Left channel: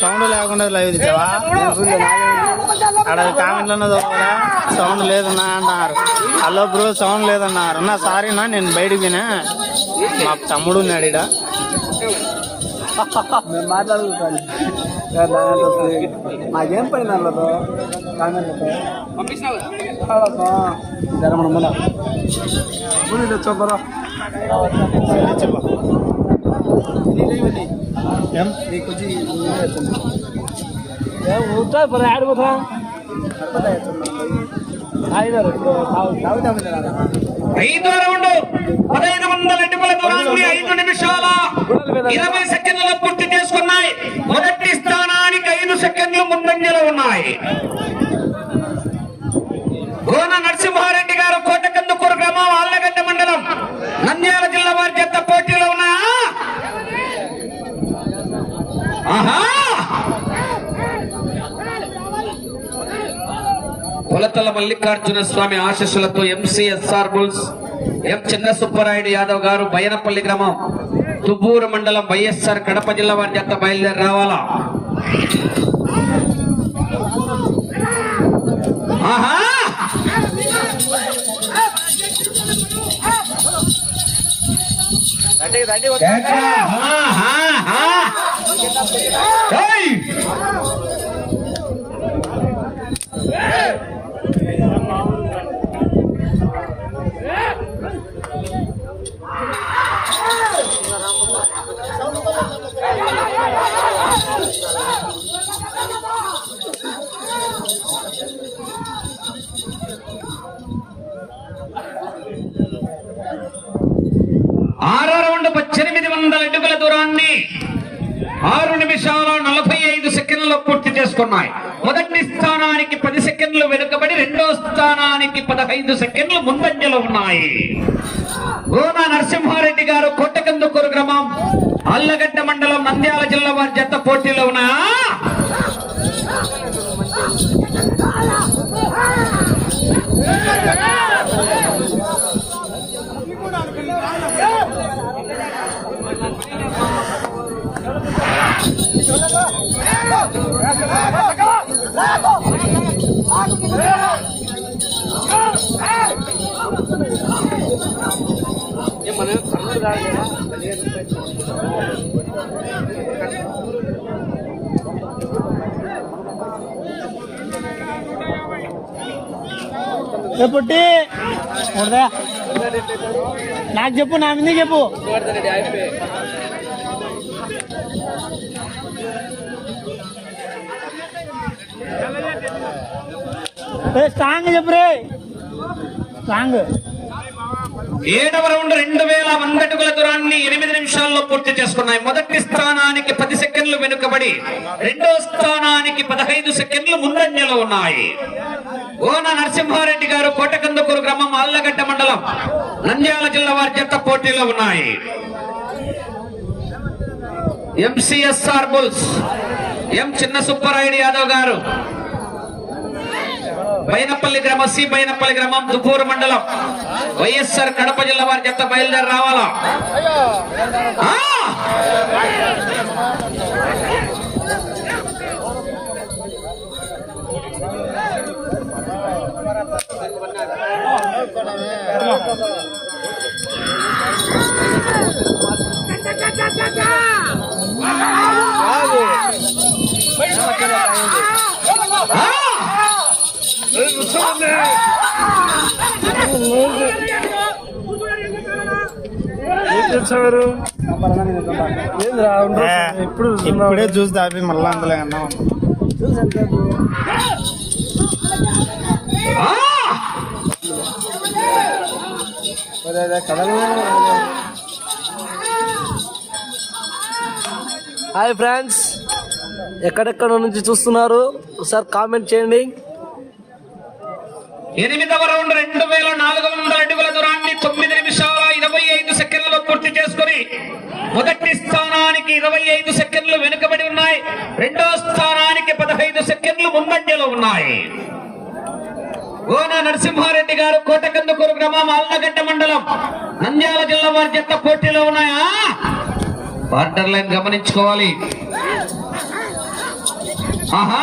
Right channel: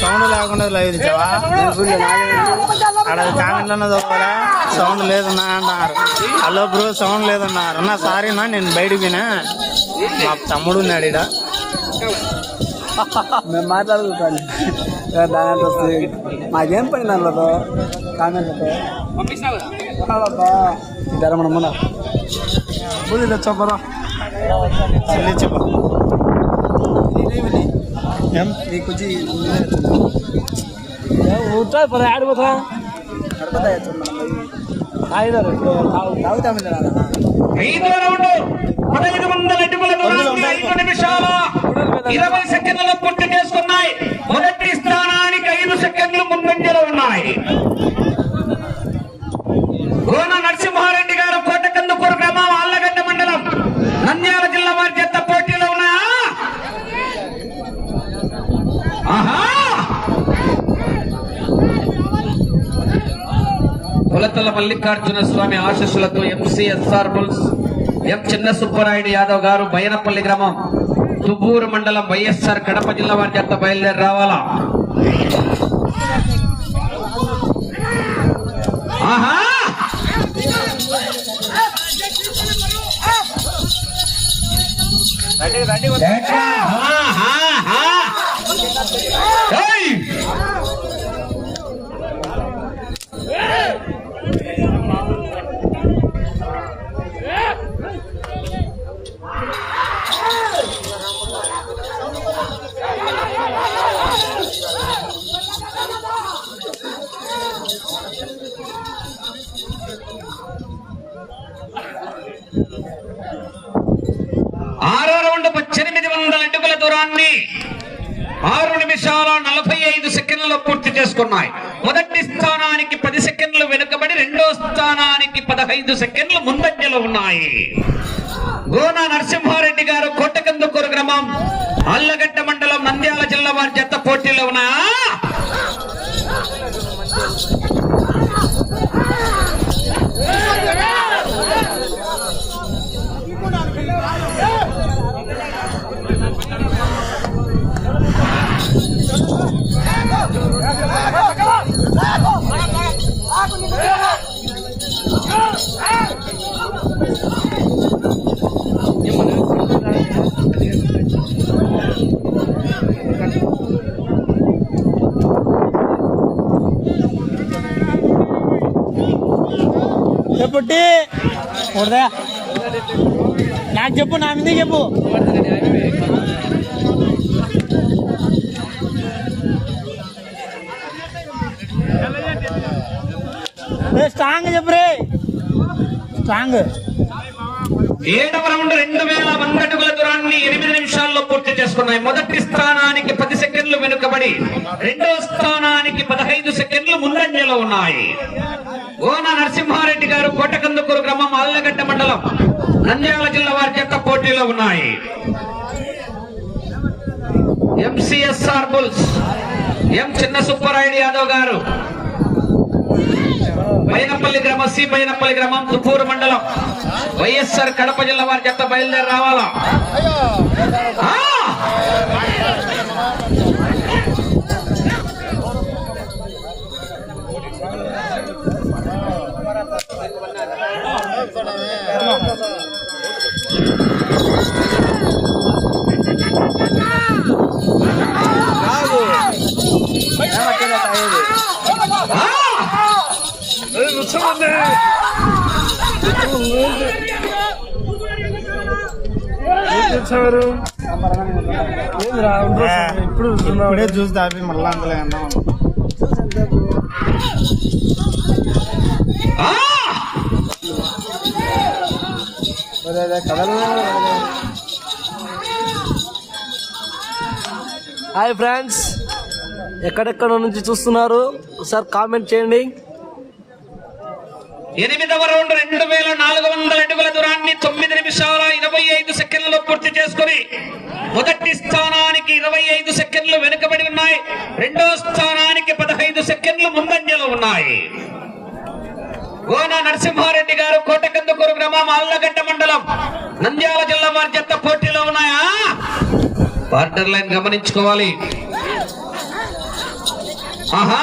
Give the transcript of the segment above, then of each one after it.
Sound లేకుండా ఇచ్చావా అక్కడ కామెంట్లో చదవాలా సౌండ్ లేదన్నా అంటున్నారు. హలో బ్రో సౌండ్ లేదన్నారు. నా సారీనా నేను బయటికి పోయినా. మా తమ్ముడు ఉన్నాడు ఈడ. మేము మాట్లాడుకుంటాను మాకేం పని దాంట్లో మనం ముందు తెచ్చోకరు చెప్పు ఏం? నీకు ఊట పది ఆడిపోతా ఐదో వందల అడుగుల దూరాన్ని ఐదు నిమిషాల ఇరవై సెకండ్లలో పూర్తి చేసుకున్నాయి మొదటి స్థానానికి ఐదు సెకండ్లు ముందంజలో ఉన్నాయి గోన నరసింహారెడ్డి గారు కోటకందుకూరు గ్రామం ఆళ్ళగడ్డ మండలం నంద్యాల జిల్లా వారి చెత్త పోటీలో ఉన్నా ఆహా కొలతల మల్లికార్జున స్వామి ఆశీస్సులతో ఎంసీఎస్ఆర్ బుల్స్ ఎం చిన్న సుబ్బరాయుడు యాదవ్ గారు బైనపల్లి గ్రామం దుబ్బూరు మండలం వైఎస్ఆర్ కడప జిల్లా వారి చెత్త బయలుదేరి రావాలా? ఆహా! చేసుకున్నాయి మొదటి స్థానానికి పది సెకండ్లు వెనుకబడి రెండో స్థానానికి పదహైదు సెకండ్లు ముందంజలో ఉన్నాయి. చెప్పుట్టి నాకు చెప్పు నా మీద చెప్పు స్ట్రాంగ్ చెప్పు రే స్ట్రాంగ్ ఏడవ రౌండ్ రెండు వేల వంద అడుగుల దూరాన్ని ఎనిమిది నిమిషాల్లో పూర్తి చేసుకున్నాయి. మొదటి స్థానానికి పది సెకండ్లు వెనుకబడి రెండో స్థానానికి పదహైదు సెకండ్లు ముందంజలో ఉన్నాయి. గోన నరసింహారెడ్డి గారు కోటకందుకూరు గ్రామం అల్లగడ్డ మండలం నంద్యాల జిల్లా వారి చెత్త పోటీలో ఉన్నాయి. ఎంసీఎస్ఆర్ బుల్స్ ఎం చిన్న సుబ్బారాయుడు యాదవ్ గారు బైనపల్లి గ్రామం సి బైనపల్లి గ్రామం పుత్తూరు మండలం వైఎస్ఆర్ కడప జిల్లా వారి చెత్త బయలుదేరి రావాలా? ఆ! ఇప్పుడు ఇప్పుడే చూసి దాపి మళ్ళా అందులో అన్నాం హాయ్ ఫ్రెండ్స్ ఎక్కడెక్కడ నుంచి చూస్తున్నారు? ఒకసారి కామెంట్ చేయండి. ఎనిమిదవ రౌండ్ రెండు వేల నాలుగు వందల అడుగుల దూరాన్ని తొమ్మిది నిమిషాల ఇరవై ఐదు సెకండ్లలో పూర్తి చేసుకుని మొదటి స్థానానికి ఇరవై ఐదు సెకండ్లు వెనుకబడి ఉన్నాయి. రెండో స్థానానికి పదహైదు సెకండ్లు ముందంజలో ఉన్నాయి. గోన నరసింహారెడ్డి గారు కోటకందుకూరు గ్రామం అల్లగడ్డ మండలం నంద్యాల జిల్లా వారి చెత్త పోటీలో ఉన్నాయా? బార్డర్ లైన్ గమనించుకోవాలి ఆహా.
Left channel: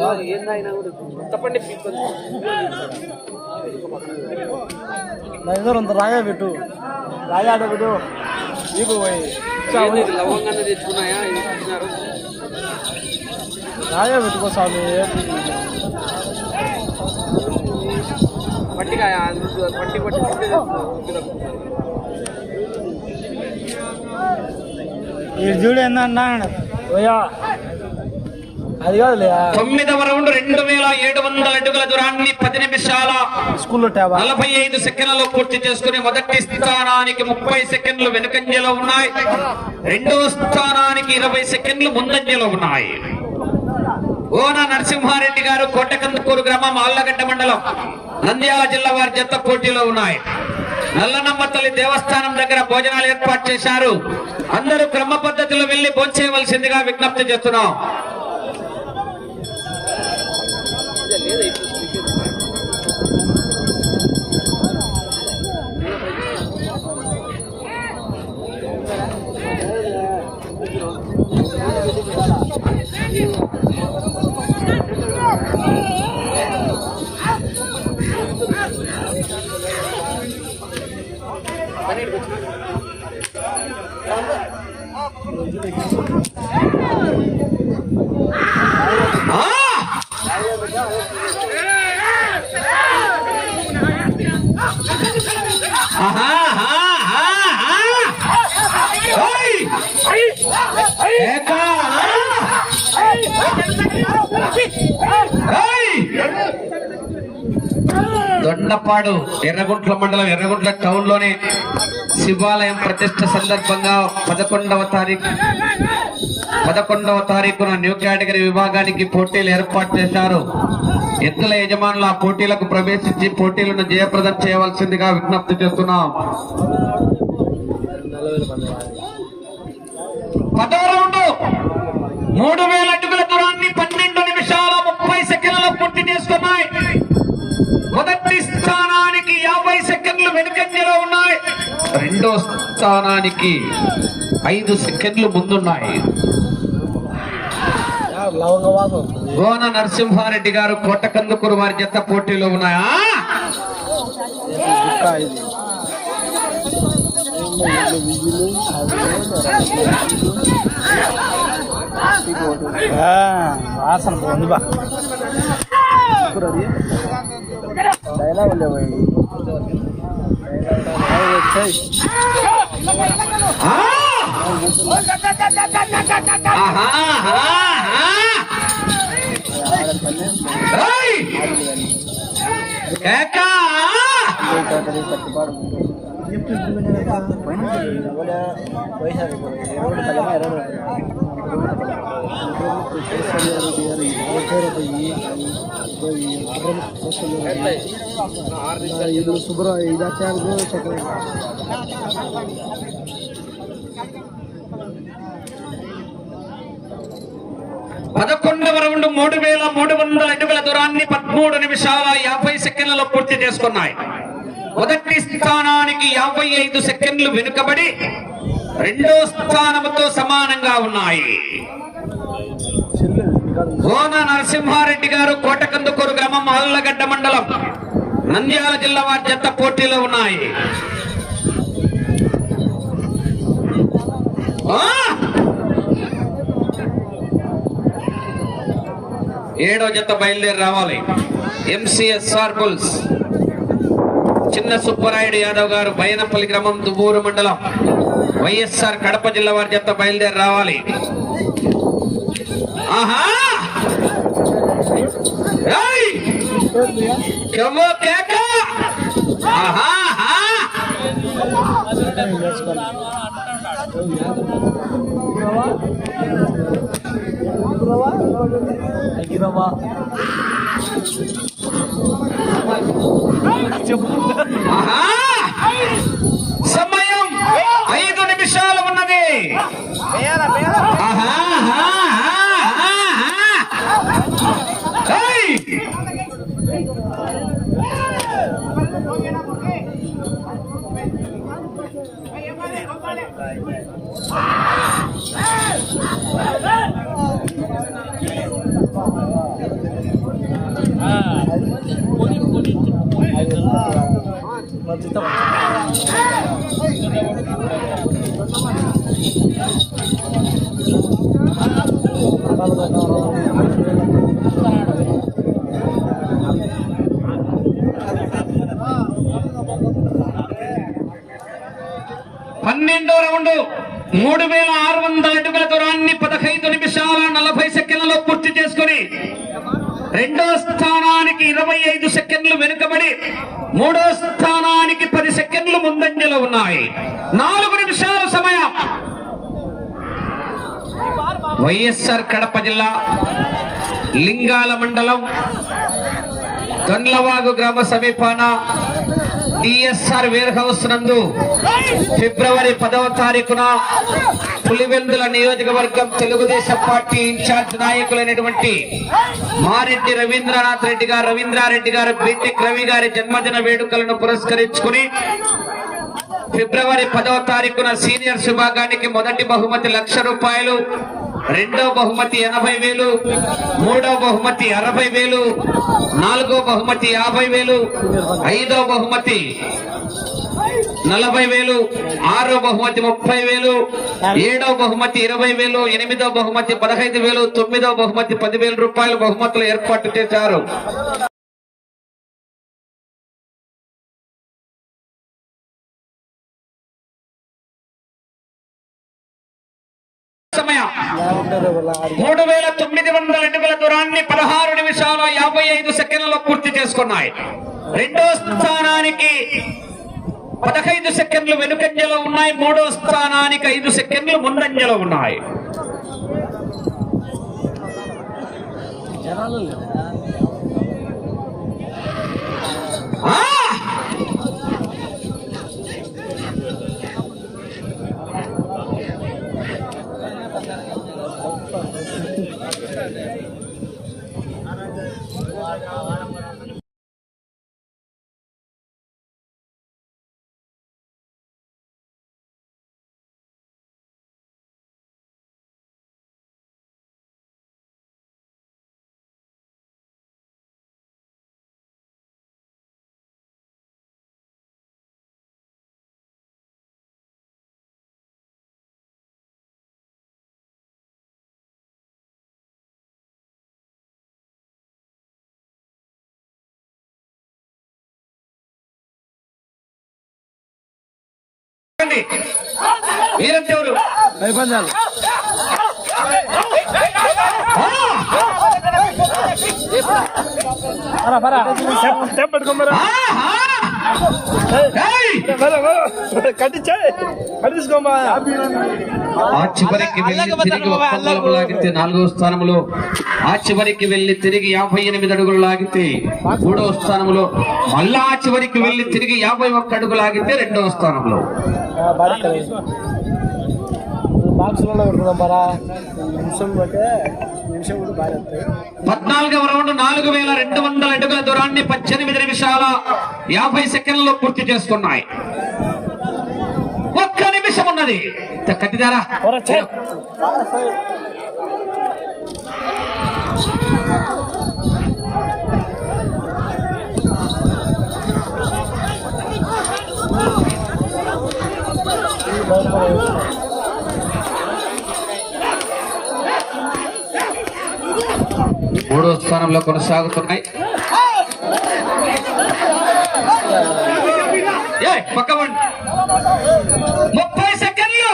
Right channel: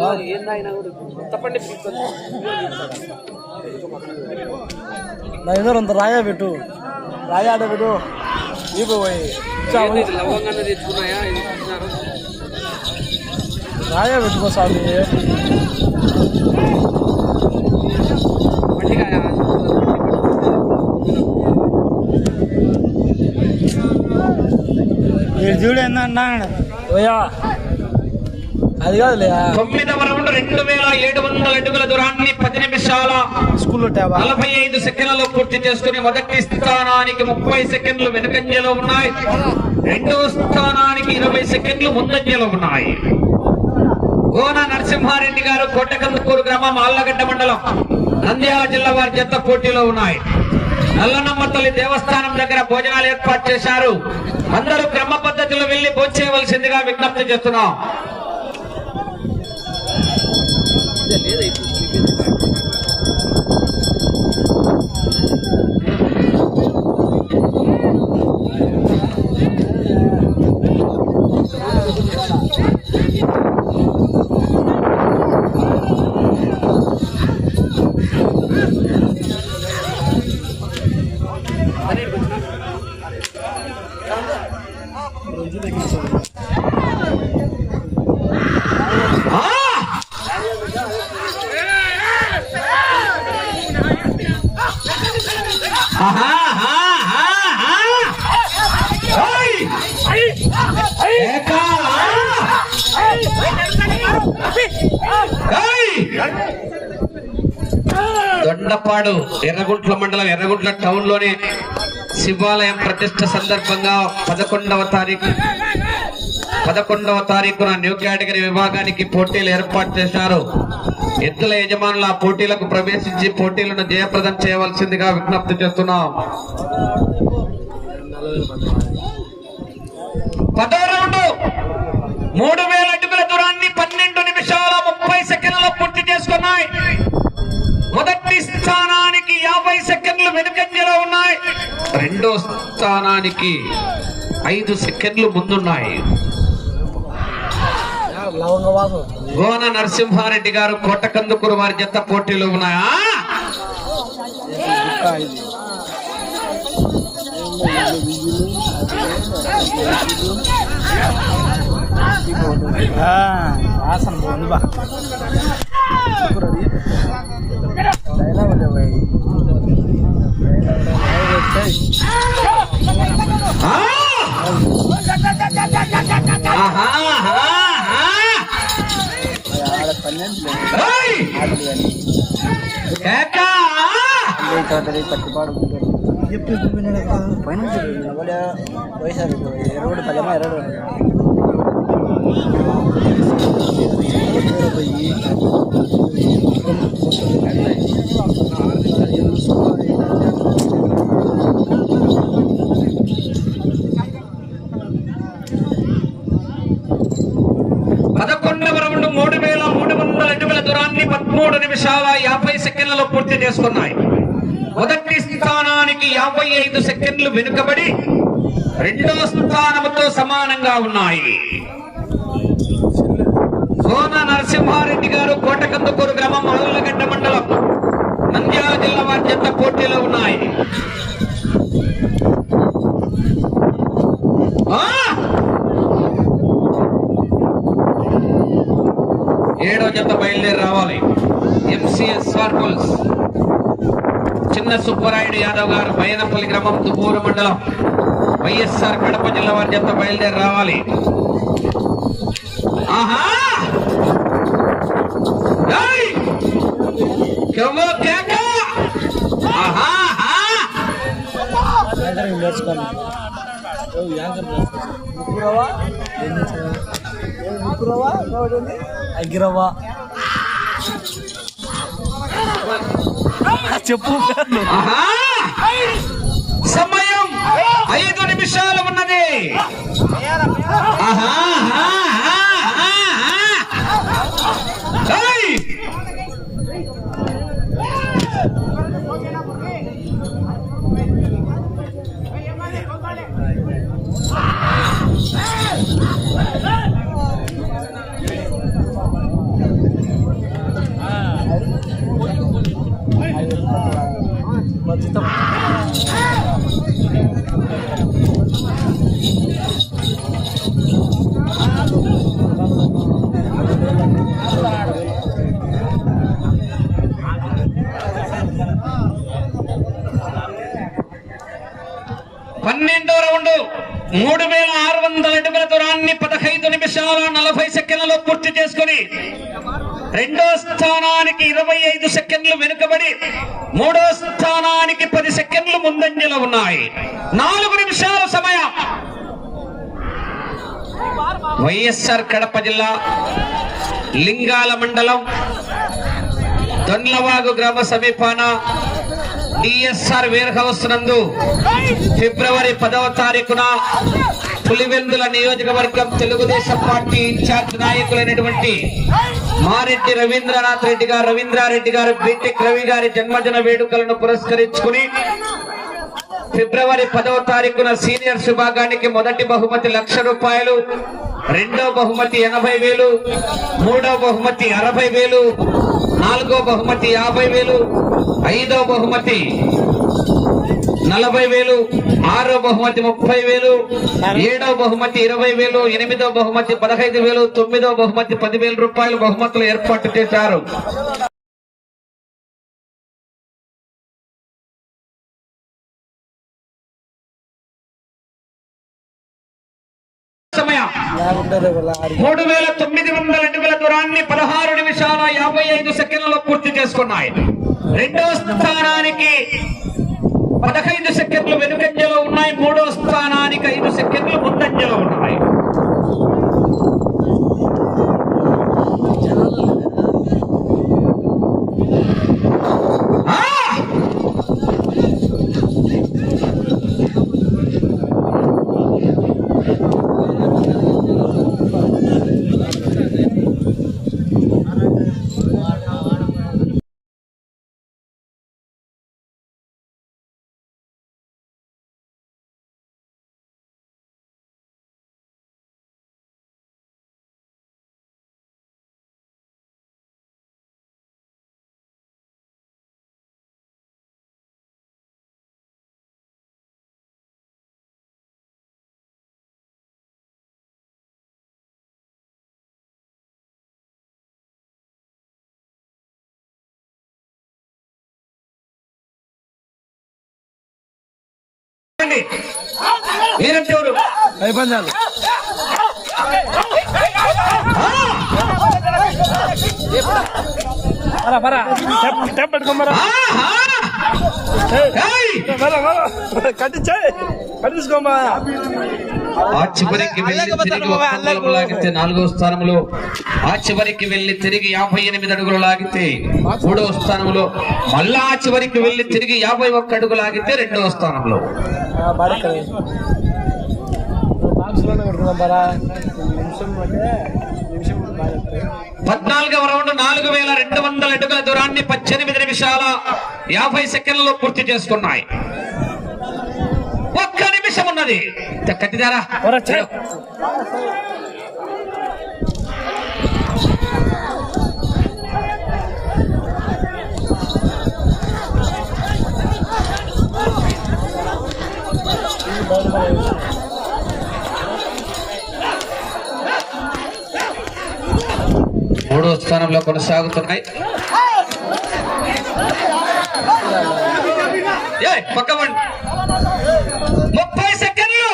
ఆహా. ఏదో అంత రాయా పెట్టు. రాయా పెట్టు. నీకు లవంగానే తెచ్చుకున్నాయా? ఇచ్చినారు రాయా పెట్టుకో స్వామి. మట్టికాయ మట్టి పట్టి వీడు చూడు అన్నాడు? అయ్యా అది కాదులే తొమ్మిదవ రౌండ్ రెండు వేల ఏడు వందల అడుగుల దూరాన్ని పది నిమిషాల స్కూల్లో నలభై ఐదు సెకండ్లలో పూర్తి చేసుకుని మొదటి స్థానానికి ముప్పై సెకండ్లు వెనుకంజలో ఉన్నాయి. రెండవ స్థానానికి ఇరవై సెకండ్లు ముందంజలో ఉన్నాయి. ఓన నరసింహారెడ్డి గారు కోటకందుకూరు గ్రామం ఆళ్ళగడ్డ మండలం నంద్యాల జిల్లా వారి జత పోటీలో ఉన్నాయి. నల్లనమ్మ తల్లి దేవస్థానం దగ్గర భోజనాలు ఏర్పాటు చేశారు. అందరూ క్రమ పద్ధతిలో వెళ్ళి భోంచేయవలసిందిగా విజ్ఞప్తి చేస్తున్నాం. మధ్య లేదా ఇప్పుడు స్లీపేజ్ Thank కాపాడు. ఎర్రగుంట్ల మండలం ఎర్రగుంట్ల టౌన్లోని శివాలయం ప్రతిష్ట సందర్భంగా పదకొండవ తారీఖు పదకొండవ తారీఖున న్యూ కేటగిరీ విభాగానికి పోటీలు ఏర్పాటు చేశారు. ఎత్తుల యజమానులు ఆ పోటీలకు ప్రవేశించి పోటీలను జయప్రదం చేయవలసిందిగా విజ్ఞప్తి చేస్తున్నాం. మూడు వేల అడుగుల దూరాన్ని వెనుకంజలో ఉన్నాయి. రెండో స్థానానికి ఐదు సెకండ్లు ముందున్నాయి. గోన నరసింహారెడ్డి గారు కోటకందుకూరు వారి జత పోటీలో ఉన్నాయా? వాసన పోండి బా. డైలాగ్ లేవు ఆ! ఆహా, ఆహా, ఆహా. ఏయ్! కేకా! పదకొండవ రౌండ్ మూడు వేల మూడు వందల అడుగుల దూరాన్ని పదమూడు నిమిషాల యాభై సెకండ్లలో పూర్తి చేసుకున్నాయి. మొదటి స్థానానికి యాభై ఐదు సెకండ్లు వెనుకబడి రెండో స్థానంతో సమానంగా ఉన్నాయి. కోన నరసింహారెడ్డి గారు కోటకందుకూరు గ్రామం ఆళ్ళగడ్డ మండలం నంద్యాల జిల్లా వారి జత పోటీలో ఉన్నాయి. ఏడో జత బయలుదేరి రావాలి. ఎంసీఎస్ఆర్ బుల్స్ చిన్న సుబ్బరాయుడు యాదవ్ గారు బయనపల్లి గ్రామం దుబూరు మండలం వైఎస్ఆర్ కడప జిల్లా వారి జత బయలుదేరి రావాలి ఆహా ఏయ్! కేక! ఆహా! సమయం ఐదు నిమిషాలు ఉన్నది. ఆహా, ఆహా, పన్నెండో రౌండ్. మూడు వేల ఆరు వందల అడుగుల దూరాన్ని పదహైదు నిమిషాల నలభై సెకండ్లలో పూర్తి చేసుకుని రెండో స్థానానికి ఇరవై ఐదు సెకండ్లు వెనుకబడి మూడో స్థానం ఉన్నాయి. నాలుగు నిమిషాలు సమయం. వైఎస్ఆర్ కడప జిల్లా లింగాల మండలం దొండ్లవాగు గ్రామ సమీపాన డిఎస్ఆర్ వేర్ హౌస్ నందు ఫిబ్రవరి పదవ తారీఖున పులివెందుల నియోజకవర్గం తెలుగుదేశం పార్టీ ఇన్ఛార్జ్ నాయకులైనటువంటి మారెడ్డి రవీంద్రనాథ్ రెడ్డి గారు రవీంద్రారెడ్డి గారు బీటెక్ రవి గారి జన్మదిన వేడుకలను పురస్కరించుకుని ఫిబ్రవరి పదవ తారీఖున సీనియర్ విభాగానికి మొదటి బహుమతి లక్ష రూపాయలు రెండో బహుమతి ఎనభై వేలు మూడో బహుమతి అరవై వేలు నాలుగో బహుమతి యాభై వేలు ఐదో బహుమతి నలభై వేలు ఆరో బహుమతి ముప్పై వేలు ఏడో బహుమతి ఇరవై వేలు ఎనిమిదో బహుమతి పదహైదు వేలు తొమ్మిదో బహుమతి పదివేల రూపాయలు బహుమతులు ఏర్పాటు చేశారు. మూడు వేల తొమ్మిది వందల అడుగుల దూరాన్ని పదహారు నిమిషాలు యాభై ఐదు సెకండ్లలో పూర్తి చేసుకున్నాయి. రెండో స్థానానికి పదహైదు సెకండ్లు వెనుకంజలో ఉన్నాయి. మూడో స్థానానికి ఐదు సెకండ్లు ముందంజలో ఉన్నాయి. మీరంటే ఎవరు? కట్టించుకోమా ఆ చివరికి వెళ్ళి తిరిగి ఒక్క అంగుళం లాగితే నాలుగో స్థానంలో ఆ చివరికి వెళ్ళి తిరిగి యాభై ఎనిమిది అడుగులు లాగితే మూడో స్థానంలో మళ్ళా ఆ చివరికి వెళ్ళి తిరిగి యాభై ఒక్క అడుగు లాగితే రెండవ స్థానంలో పద్నాలుగవ రౌండ్ నాలుగు వేల రెండు వందల అడుగుల దూరాన్ని పద్దెనిమిది నిమిషాల యాభై సెకండ్లలో పూర్తి చేసుకున్నాయి. ఒక్క నిమిషం ఉన్నది. కట్టిదారా. మూడో స్థానంలో కొనసాగుతున్నాయి. ఏయ్, పక్క వండి. ముప్పై సెకండ్లు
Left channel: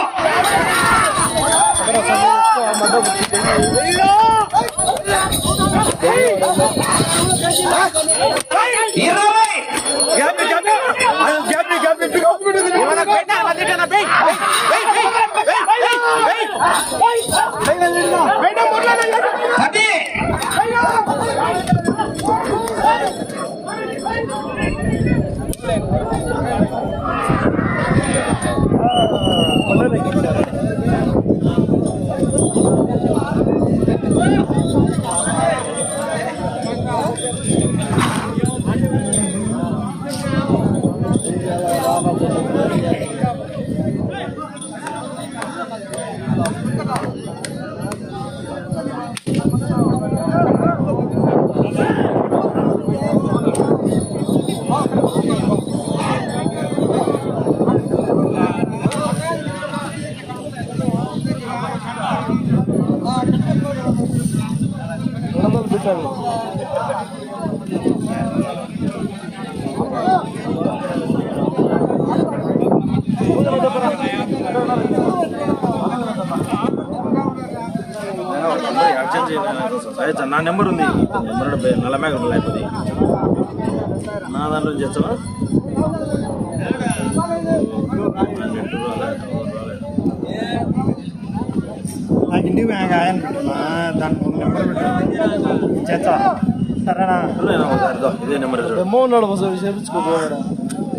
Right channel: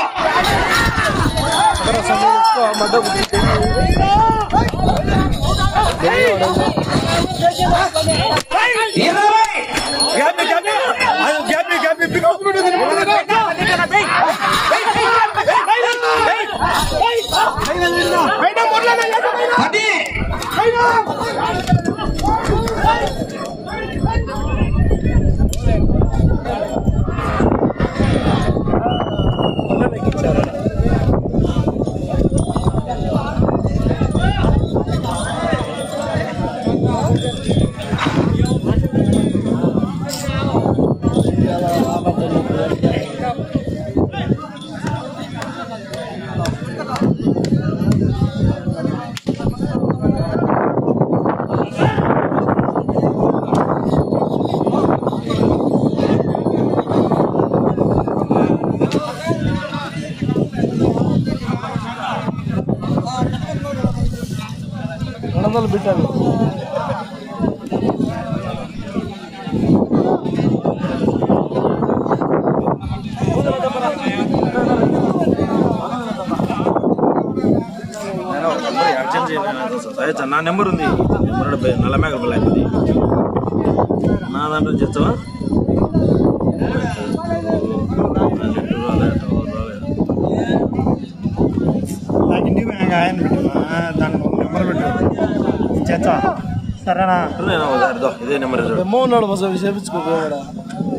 ఇరవై పది వందలు నా దాంట్లో నుంచి చేస్తావా? నాకు ఇంటికి పోయాక ఆయన పెట్టు. దాని నెంబర్ పెట్టు. చేస్తా. సరేనా? ఇదో, నెంబర్ ఎమ్మో ఉన్నాడు మసలు చేపించుకోపోయాడు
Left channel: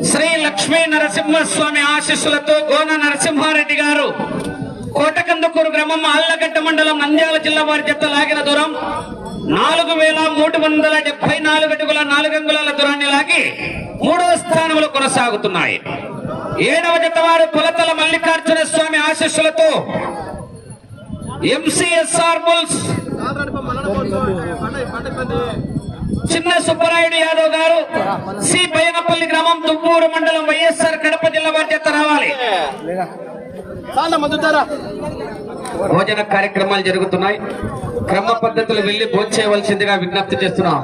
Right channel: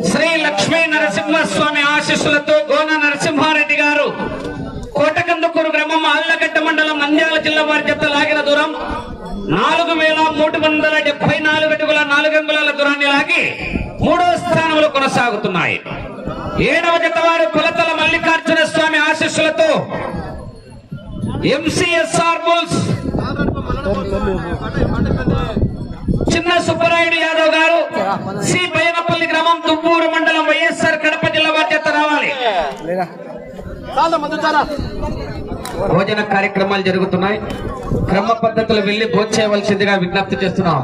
శ్రీ లక్ష్మీ నరసింహస్వామి ఆశీస్సులతో గోన నరసింహారెడ్డి గారు కోటకందుకూరు గ్రామం ఆళ్ళగడ్డ మండలం నంద్యాల జిల్లా వారి జత లాగిన దూరం నాలుగు వేల మూడు వందల డెబ్బై నాలుగు అడుగుల నాలుగు అంగుళాల దూరాన్ని లాగి మూడవ స్థానంలో కొనసాగుతున్నాయి. ఏడవ జత వారు కొలతల మల్లికార్జున స్వామి ఆశీస్సులతో ఎంసీఎస్ఆర్ బుల్స్ చిన్న సుబ్బరాయుడు యాదవ్ గారు సి బైనపల్లి గ్రామం తుమ్మూరు మండలం వైఎస్ఆర్ కడప జిల్లా బాధ్యత రావాలి. భోజన కార్యక్రమాలు జరుగుతున్నాయి. క్రమ పద్ధతులు వెళ్ళి భోజనం చేయవలసిందిగా విజ్ఞప్తి చేస్తున్నాం.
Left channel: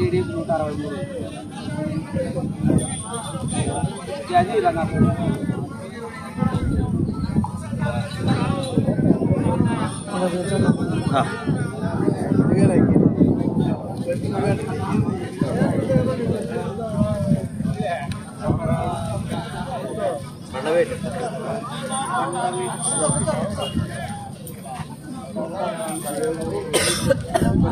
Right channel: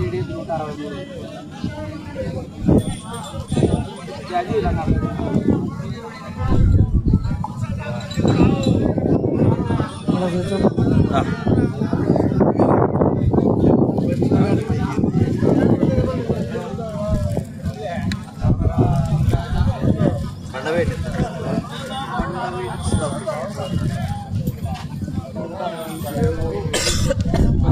కోర్టు రికార్డు నిలబడి బండవేటి